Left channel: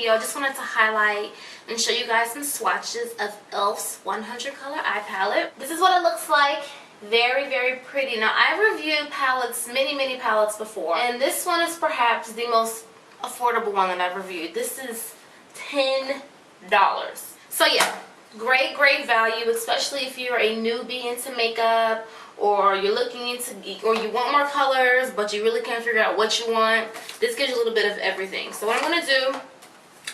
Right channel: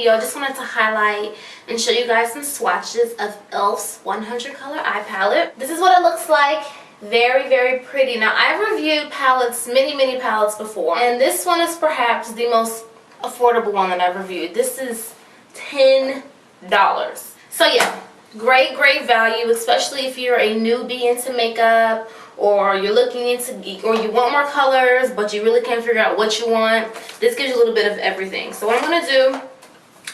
video. I just wanted to highlight and show you guys some swatches of e.l.f.'s 100 color eye palette. This is what it looks like. Very, very pretty. Now, I've reviewed palettes, many palettes before, and this one is perhaps the most affordable one that I've reviewed. This is $10. So yeah, great value, especially if you're a newbie into makeup, or you're looking into, or you want more colors but you really can't figure out what you want. This gives you a little bit of everything. So what I'm going to do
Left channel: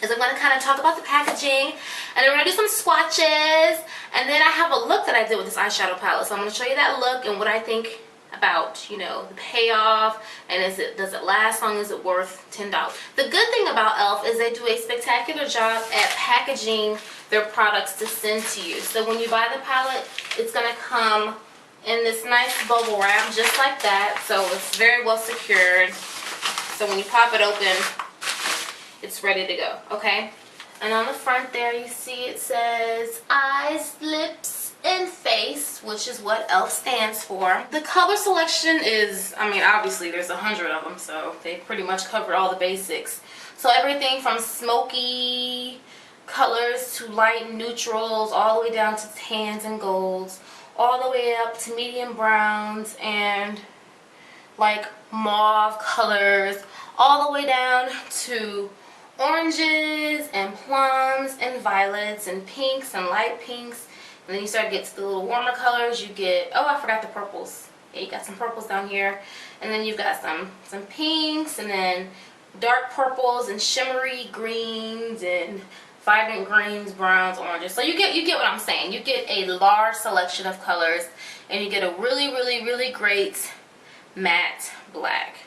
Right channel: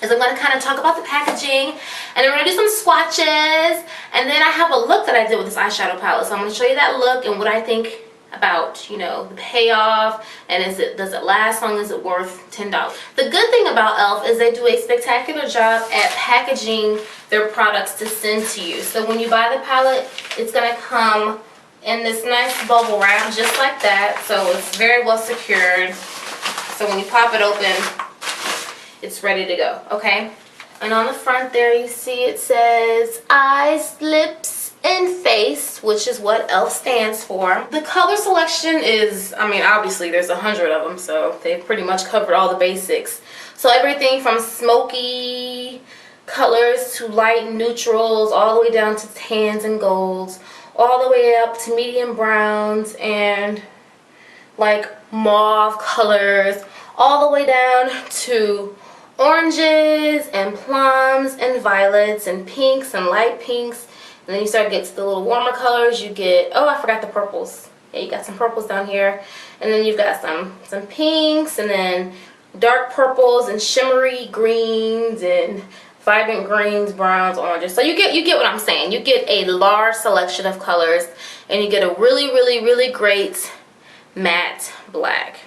is I'm going to kind of talk about the packaging, and then we're going to do some swatches, and then I have a look that I did with this eyeshadow palette. So I'm going to show you that look and what I think about, you know, the payoff, and does it last long, is it worth $10? The good thing about e.l.f. is they do a spectacular job at packaging their products to send to you. So when you buy the palette, it's going to come in this nice bubble wrap just like that, so it's very well secured. So when you pop it open, it's ready to go, okay? And on the front there, you see it says eyes, lips, and face, which is what e.l.f. stands for. The color selection is, I mean, obviously there's 100 of them, so they've pretty much covered all the basics. So everything from smoky colors to light neutrals, all the way down to tans and golds, all the way up to medium browns and like mauve colors, all the way down to oranges and plums and violets and pinks and light pinks. And then you start to get to the little warmer colors. You get, oh, I forgot the purples. Yeah, you got some purples down here. And then you've got some pinks, and then dark purples and shimmery greens and vibrant greens, browns, oranges. So you get what I'm saying. You get a large selection of colors, and you get a really great matte black,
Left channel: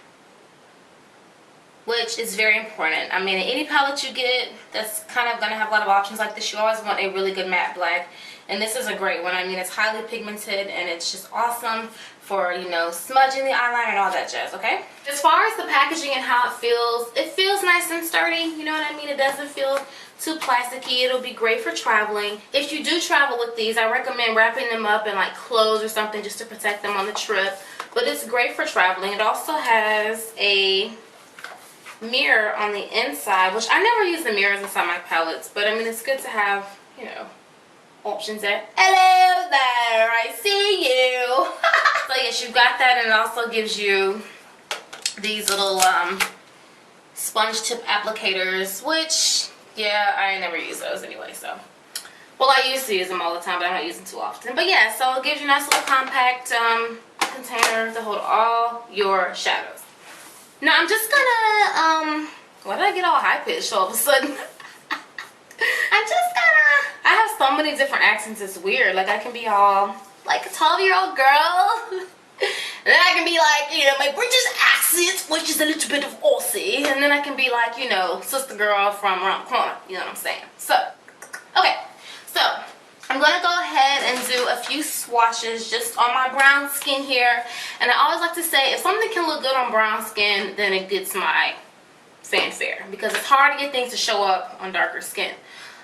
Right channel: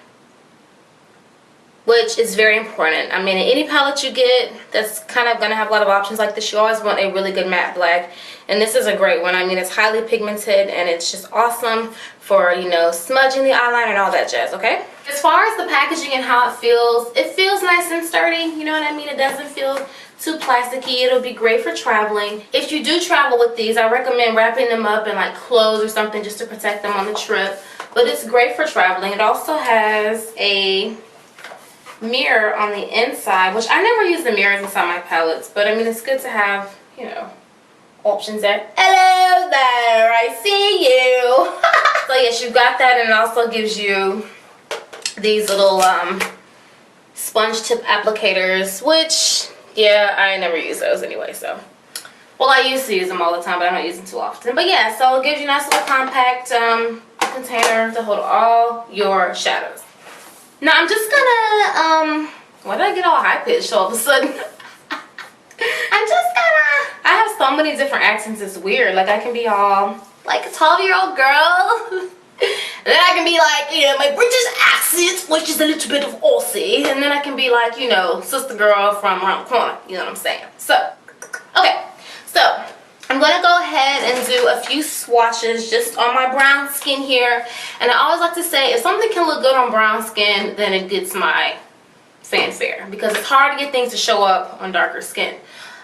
which is very important. I mean, in any palette you get that's kind of going to have a lot of options like this, you always want a really good matte black, and this is a great one. I mean, it's highly pigmented, and it's just awesome for, you know, smudging the eyeliner and all that jazz, okay? As far as the packaging and how it feels nice and sturdy, you know what I mean? It doesn't feel too plasticky. It'll be great for traveling. If you do travel with these, I recommend wrapping them up in like clothes or something just to protect them on the trip, but it's great for traveling. It also has a mirror on the inside, which I never use the mirrors inside my palettes, but I mean, it's good to have, you know, options there. Hello there, I see you. So yes, you got that, and it also gives you these little sponge tip applicators, which, yeah, I never use those anyway, so. Well, I used to use them all the time, but I don't use them too often. But yeah, so it gives you a nice little compact container to hold all your shadows. Now I'm just gonna, why did I get all high-pitched all of a sudden? I have so many different accents, it's weird. Like, I can be all like a 12-year-old girl. And then I can be like, you know, my British accent, which is a little bit of Aussie. And then I can be like, you know, sister girl from around the corner. You know what I'm saying? So, okay. So, I'm going to go ahead and do a few swatches just on my brown skin here. And I always like to say, if something can look good on brown skin, then it gets my fanfare. Because it's hard to get things to show up on darker skin.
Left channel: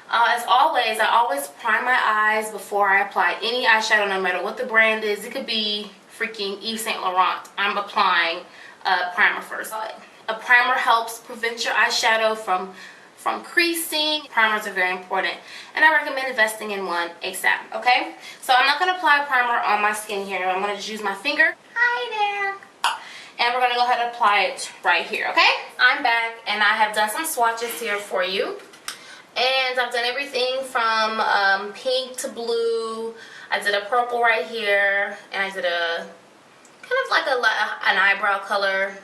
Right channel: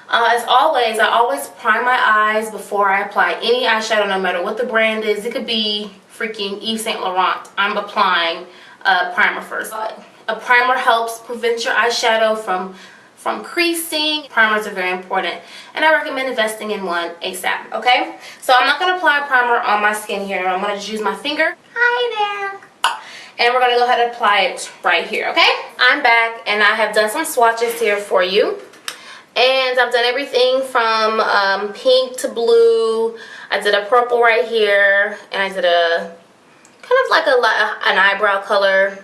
As always, I always prime my eyes before I apply any eyeshadow, no matter what the brand is. It could be freaking Yves Saint Laurent. I'm applying a primer first. A primer helps prevent your eyeshadow from creasing. Primers are very important, and I recommend investing in one ASAP, okay? So I'm not going to apply a primer on my skin here. I'm going to just use my finger. Hi there. And we're going to go ahead and apply it right here, okay? I'm back, and I have done some swatches here for you. And I've done everything from pink to blue. I did a purple right here, and I did a kind of like an eyebrow color.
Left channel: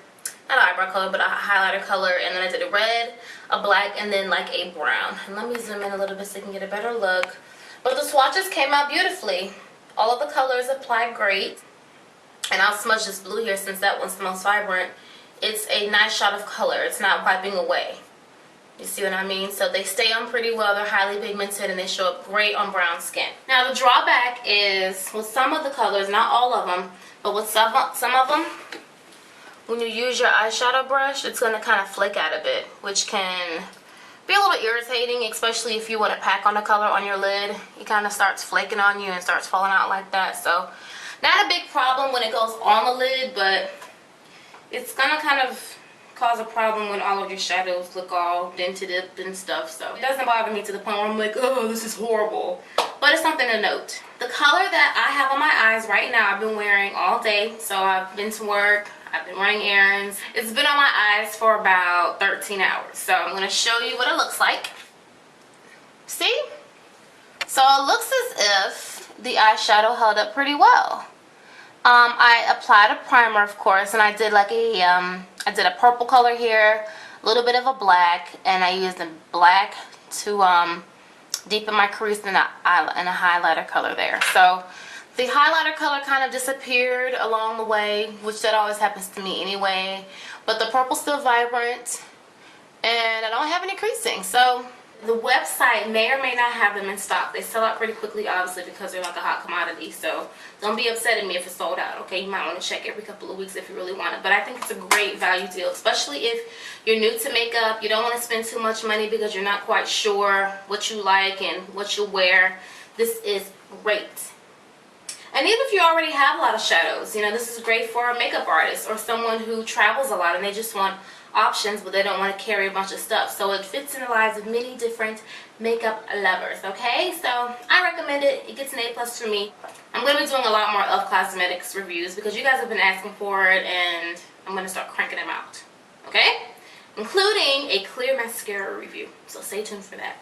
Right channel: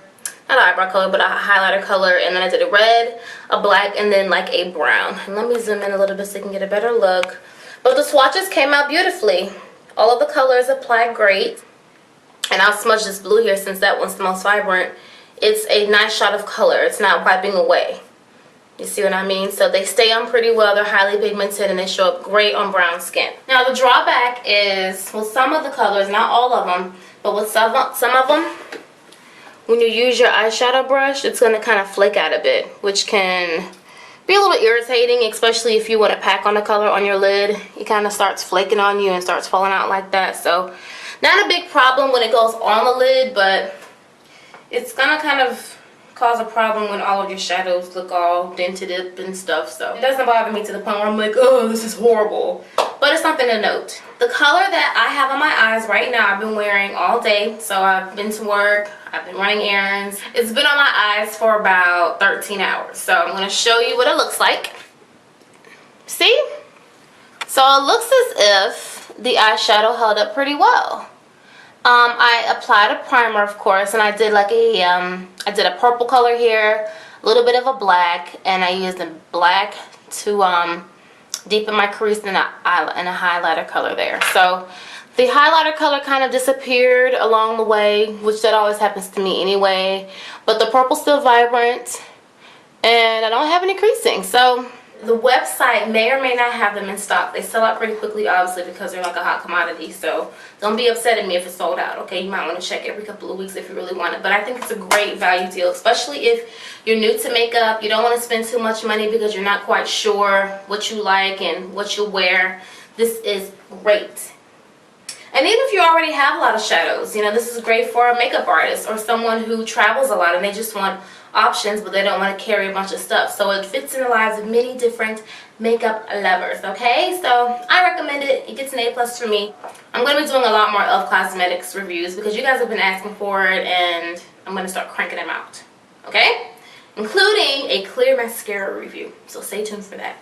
Not an eyebrow color, but a highlighter color. And then I did a red, a black, and then like a brown. And let me zoom in a little bit so you can get a better look. But the swatches came out beautifully. All of the colors applied great. And I'll smudge this blue here since that one's the most vibrant. It's a nice shot of color. It's not wiping away. You see what I mean? So they stay on pretty well. They're highly pigmented, and they show up great on brown skin. Now the drawback is with some of the colors, not all of them, but with some of them, when you use your eyeshadow brush, it's going to kind of flake out a bit, which can be a little irritating, especially if you want to pack on the color on your lid. It kind of starts flaking on you and starts falling out like that. So not a big problem when it goes on the lid, but it's going to kind of cause a problem when all of your shadows look all dented up and stuff. So it doesn't bother me to the point where I'm like, oh, this is horrible. But it's something to note. The color that I have on my eyes right now, I've been wearing all day. So I've been to work, I've been running errands. It's been on my eyes for about 13 hours. So I'm going to show you what it looks like. See? So it looks as if the eyeshadow held up pretty well. I applied a primer, of course, and I did like I did a purple color here, a little bit of a black, and I used a black to deepen my crease and a highlighter color there. So the highlighter color kind of disappeared along the way, which that always happens to me anyway. But the purple's still vibrant, and I don't have any creasing. So the website may or may not have them in stock. They sell out pretty quickly, obviously, because they're like a hot commodity. So don't be upset at me if it's sold out, okay? You might want to check every couple of weeks if you really want it. But I think it's a great value deal, especially if you're new to makeup. You don't want to spend too much money because you're not quite sure what you like and what you'll wear. This is great. And even if you already have a lot of shadows, you know, this is great for a makeup artist or someone who travels a lot and they just want options, but they don't want to carry a bunch of stuff. So it fits in the lives of many different makeup lovers, okay? So I recommend it. It gets an A+ for me. I'm going to be doing a lot more e.l.f. cosmetics reviews because you guys have been asking for it, and I'm going to start cranking them out, okay? Including a clear mascara review. So stay tuned for that.